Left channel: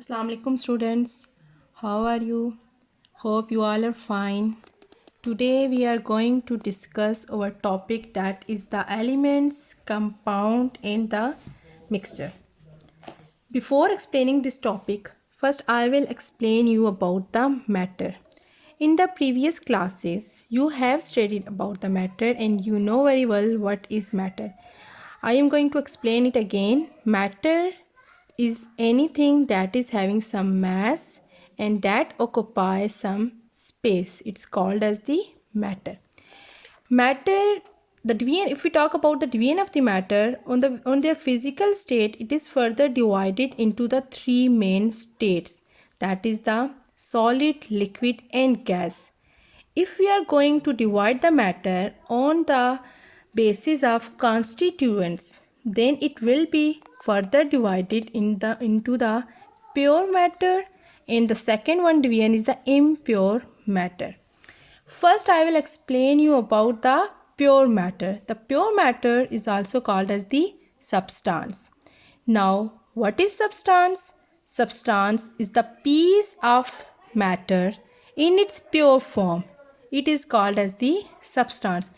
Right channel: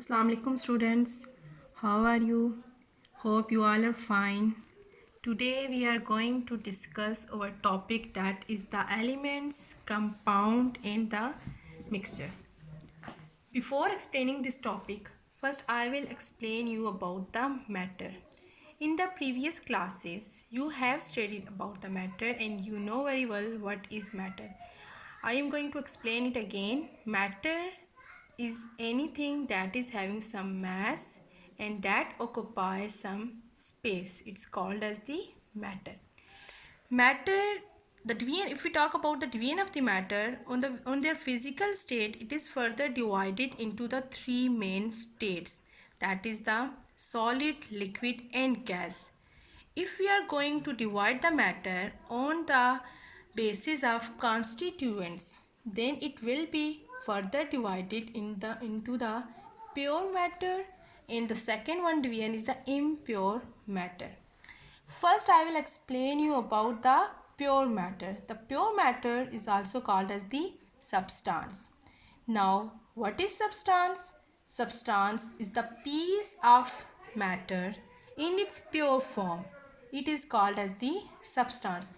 Assalamu alaikum students. How are you? Hope you all are fine. Today we are going to discuss our topic that is the elements, compound and the mixture. Before explaining this topic, first I will explain you about the matter. In the previous classes, you have studied about the matter and you know very well what is matter. I am going to explain it again. Matter is anything that is having some mass and that occupies some space. It's called as the matter. Matter, the division, if we talk about the division of the matter on their physical state, it is further divided into the three main states, that is the solid, liquid and gas. If we are going to divide the matter on the basis of constituents, then it will be further divided into the pure matter, and the second one division is the impure matter. First, I will explain you about the pure matter. The pure matter is also called as the substance. Now, what is substance? Substance is the piece of matter in its pure form. It is called as the substance.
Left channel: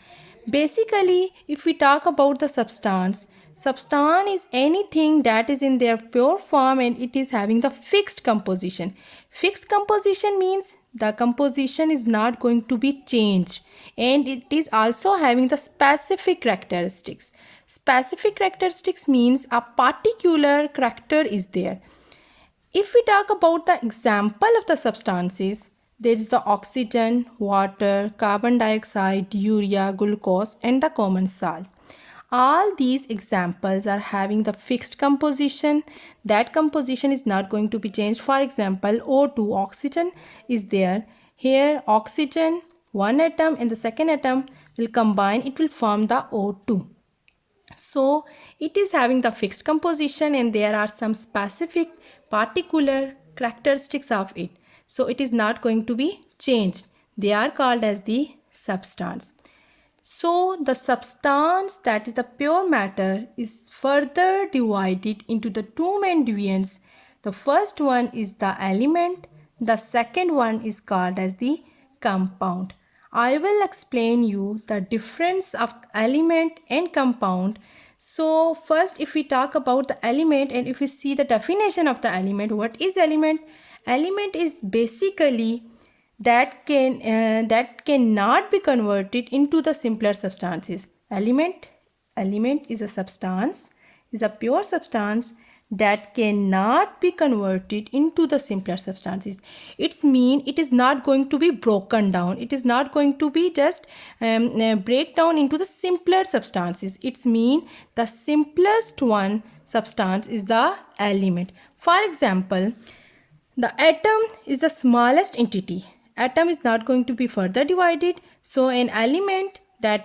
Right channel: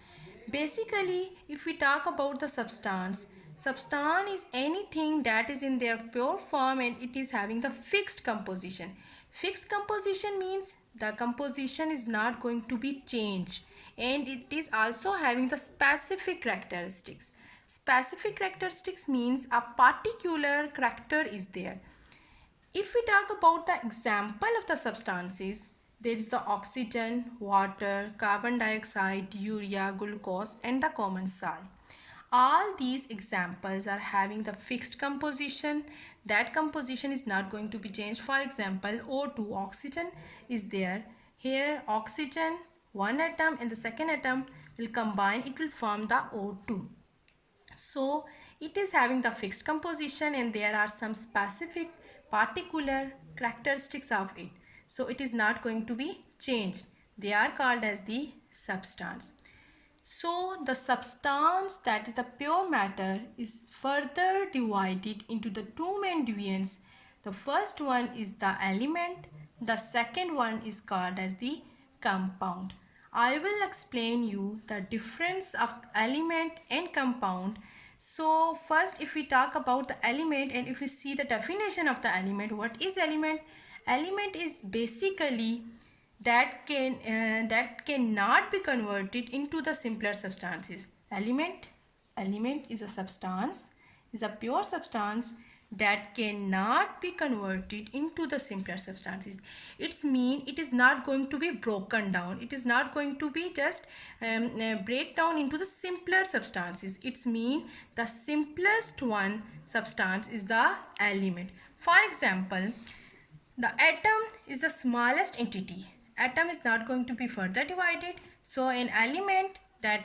Basically, if we talk about the substance, substance is anything that is in their pure form and it is having the fixed composition. Fixed composition means the composition is not going to be changed and it is also having the specific characteristics. Specific characteristics means a particular character is there. If we talk about the example of the substances, there is the oxygen, water, carbon dioxide, urea, glucose and the common salt. All these examples are having the fixed composition. That composition is not going to be changed. For example, O2, oxygen is there. Here oxygen, one atom and the second atom will combine, it will form the O2. So it is having the fixed composition and there are some specific particular characteristics of it. So it is not going to be changed. They are called as the substance. So the substance, that is the pure matter, is further divided into the two main divisions. The first one is the element. The second one is called as the compound. I will explain you the difference of element and compound. So first, if we talk about the element and if we see the definition of the element, what is element? Element is basically that cannot be converted into the simpler substances. Element is a substance, is a pure substance that cannot be converted into the simpler substances. It's mean it is not going to be broken down. It is not going to be just break down into the simpler substances. It's mean the simplest one substance is the element. For example, the atom is the smallest entity. Atom is not going to be further divided. So an element that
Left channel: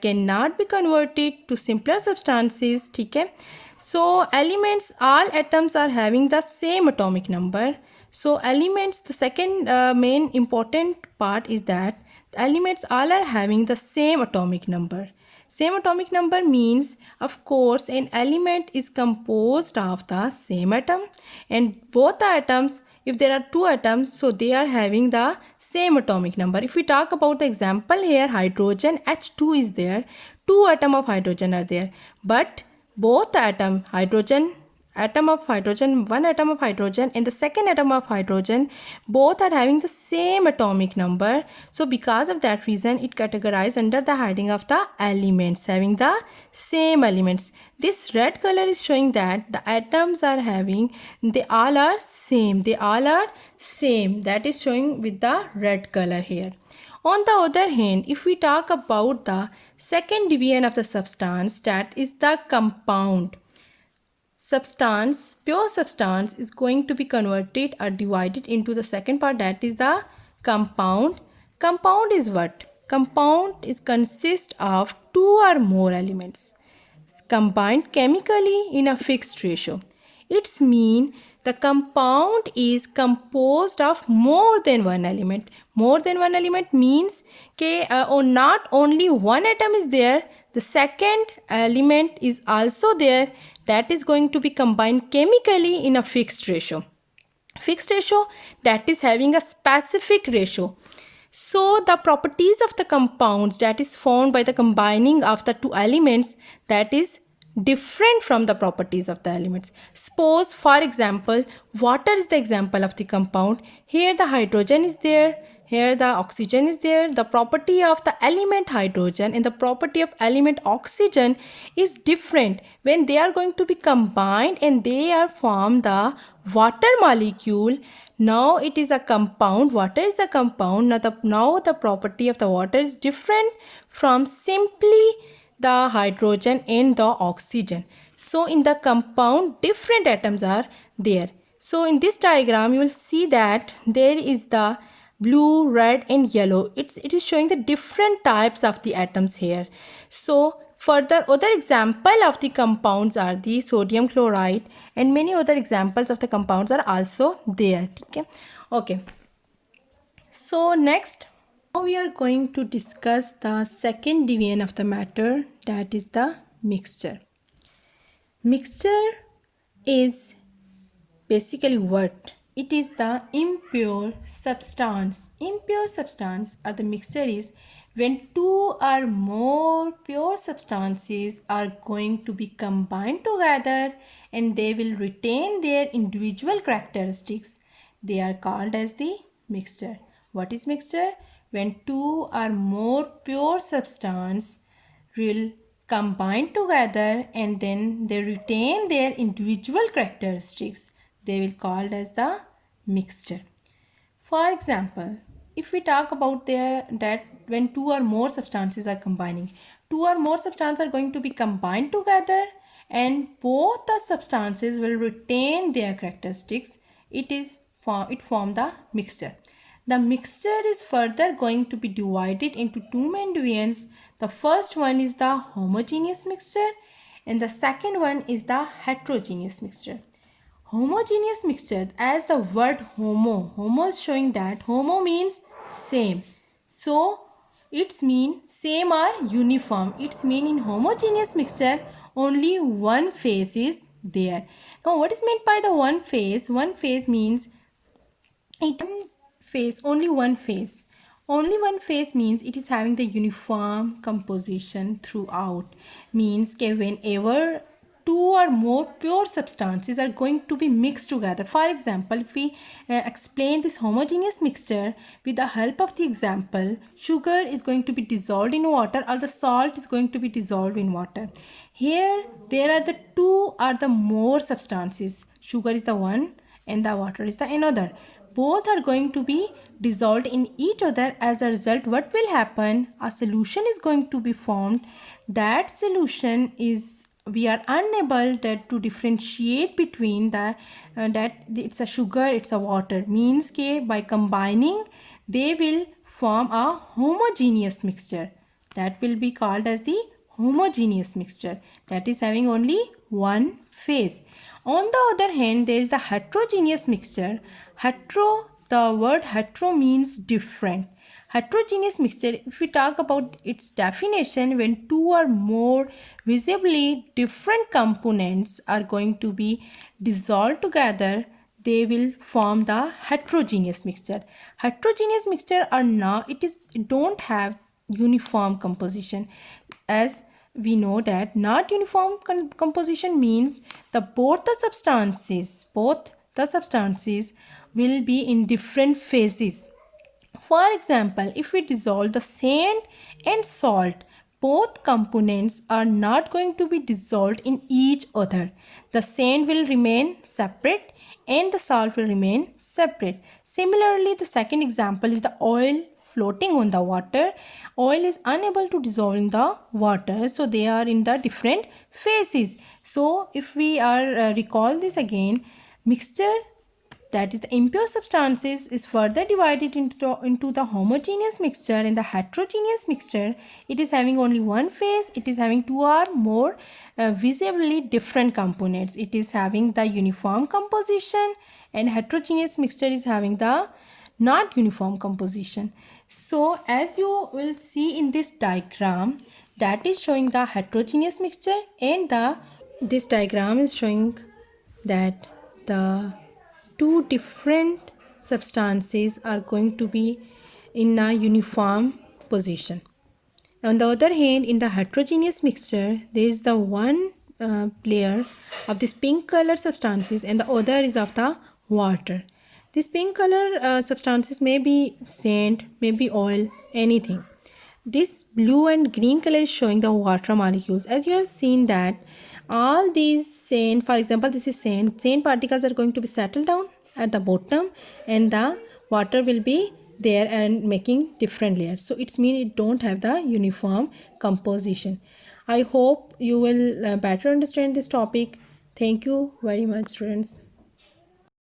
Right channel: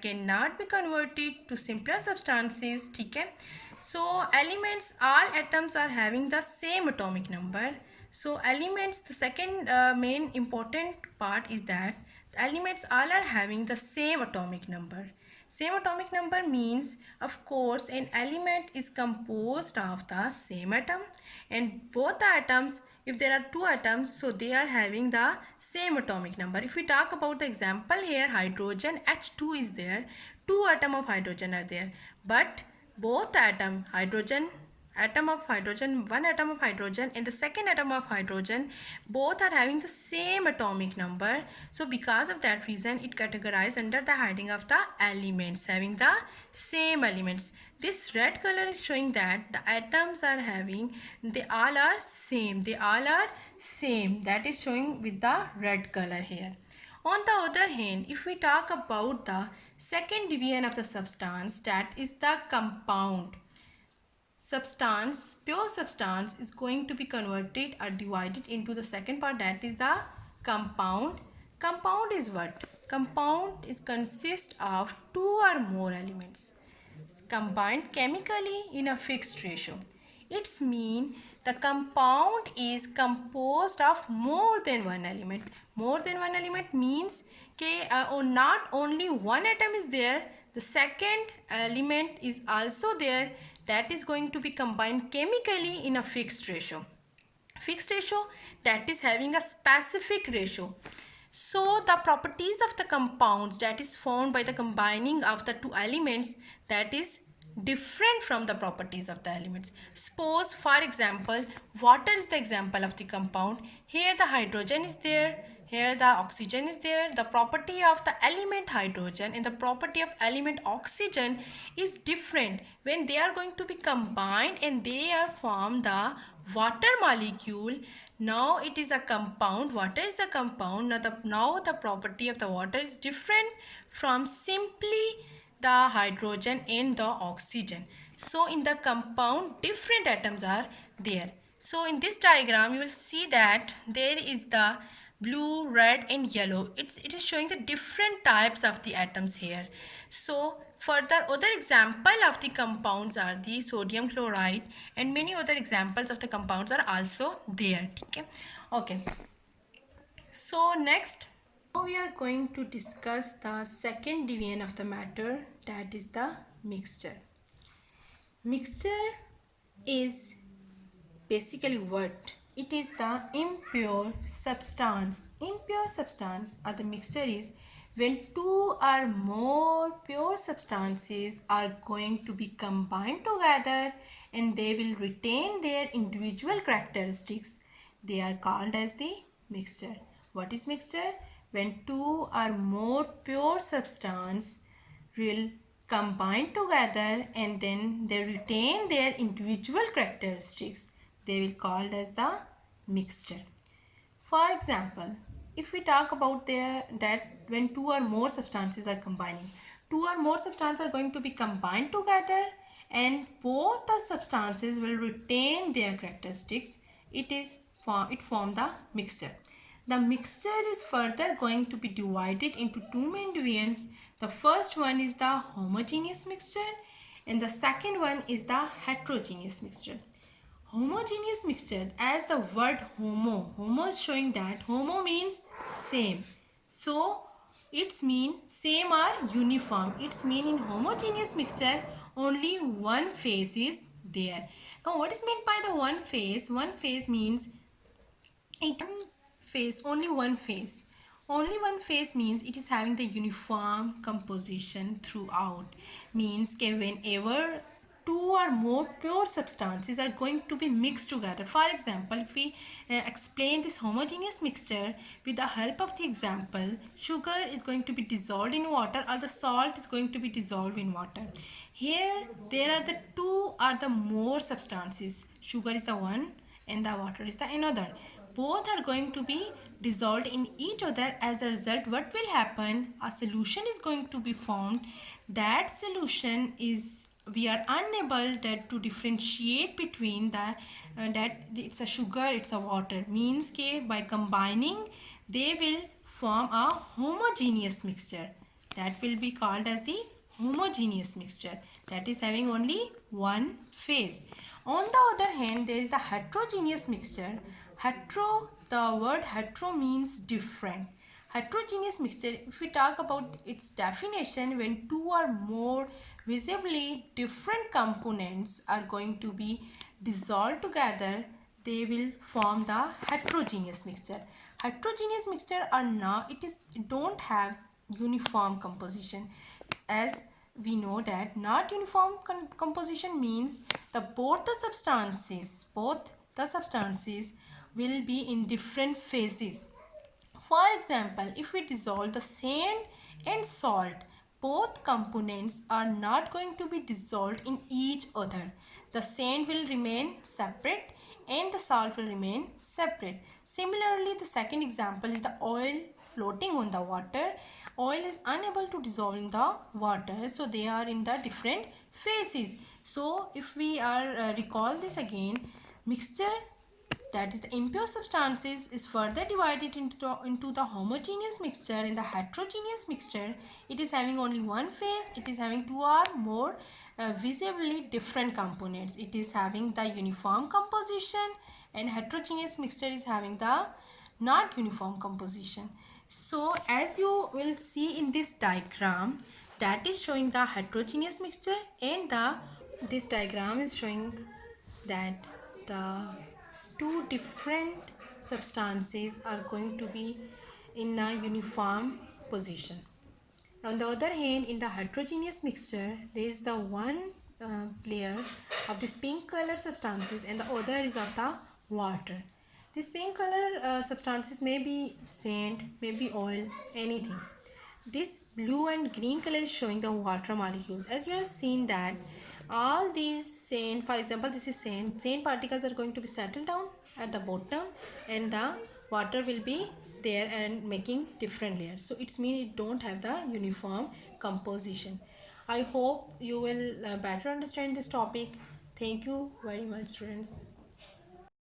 cannot be converted to simpler substances. Okay? So elements, all atoms are having the same atomic number. So elements, the second main important part is that elements all are having the same atomic number. Same atomic number means, of course, an element is composed of the same atom, and both the atoms, if there are two atoms, so they are having the same atomic number. If we talk about the example here, hydrogen, H2 is there, two atoms of hydrogen are there, but both the atom of hydrogen, one atom of hydrogen and the second atom of hydrogen, both are having the same atomic number. So because of that reason, it categorized under the heading of the elements, having the same elements. This red color is showing that the atoms are having, they all are same. That is showing with the red color here. On the other hand, if we talk about the second division of the substance, that is the compound. Substance, pure substance is going to be converted or divided into the second part, that is the compound. Compound is what? Compound is consist of two or more elements combined chemically in a fixed ratio. It's mean the compound is composed of more than one element. More than one element means not only one atom is there, the second element is also there, that is going to be combined chemically in a fixed ratio. fixed ratio, that is having a specific ratio. So the properties of the compounds that is formed by the combining of the two elements, that is different from the properties of the elements. Suppose for example, water is the example of the compound. Here the hydrogen is there, here the oxygen is there. The property of the element hydrogen and the property of element oxygen is different. When they are going to be combined and they are formed the water molecule, now it is a compound. Water is a compound. Now the property of the water is different from simply the hydrogen and the oxygen. So in the compound, different atoms are there. So in this diagram, you will see that there is the blue, red and yellow. It is showing the different types of the atoms here. So further, other example of the compounds are the sodium chloride, and many other examples of the compounds are also there. Okay. So next, now we are going to discuss the second division of the matter, that is the mixture. Mixture is basically what? It is the impure substance. Impure substance or the mixture is when two or more pure substances are going to be combined together and they will retain their individual characteristics. They are called as the mixture. What is mixture? When two or more pure substance will combine together and then they retain their individual characteristics, they will called as the mixture. For example, if we talk about that when two or more substances are combining, two or more substances are going to be combined together and both the substances will retain their characteristics, it form the mixture. The mixture is further going to be divided into two main divisions. The first one is the homogeneous mixture and the second one is the heterogeneous mixture. Homogeneous mixture, as the word homo is showing that homo means same. So its mean same or uniform. Its mean in homogeneous mixture only one phase is there. Now what is meant by the one phase? One phase means only one phase. Only one phase means it is having the uniform composition throughout. Means that whenever two or more pure substances are going to be mixed together. For example, if we explain this homogeneous mixture with the help of the example, sugar is going to be dissolved in water or the salt is going to be dissolved in water. Here there are the two or the more substances. Sugar is the one and the water is the another. Both are going to be dissolved in each other. As a result, what will happen? A solution is going to be formed. That solution is, we are unable to differentiate between that it's a sugar, it's a water. Means ke by combining they will form a homogeneous mixture. That will be called as the homogeneous mixture, that is having only one phase. On the other hand, there is the heterogeneous mixture. The word hetero means different. Heterogeneous mixture, if we talk about its definition, when two or more visibly different components are going to be dissolved together, they will form the heterogeneous mixture. Heterogeneous mixture are not, it don't have uniform composition. As we know that not uniform composition means both the substances will be in different phases. For example, if we dissolve the sand and salt, both components are not going to be dissolved in each other. The sand will remain separate and the salt will remain separate. Similarly, the second example is the oil floating on the water. Oil is unable to dissolve in the water, so they are in the different phases. So if we are recall this again, mixture, that is the impure substances, is further divided into the homogeneous mixture and the heterogeneous mixture. It is having only one phase. It is having two or more visibly different components. It is having the uniform composition, and heterogeneous mixture is having the not uniform composition. So as you will see in this diagram, that is showing the heterogeneous mixture, and this diagram is showing that the two different substances are going to be in a uniform position. On the other hand, in the heterogeneous mixture, there is the one layer of this pink color substances and the other is of the water. This pink color substances may be sand, may be oil, anything. This blue and green color is showing the water molecules. As you have seen that all these sand, for example, this is sand particles are going to be settled down at the bottom and the water will be there and making different layers. So it's mean it don't have the uniform composition. I hope you will better understand this topic. Thank you very much, students.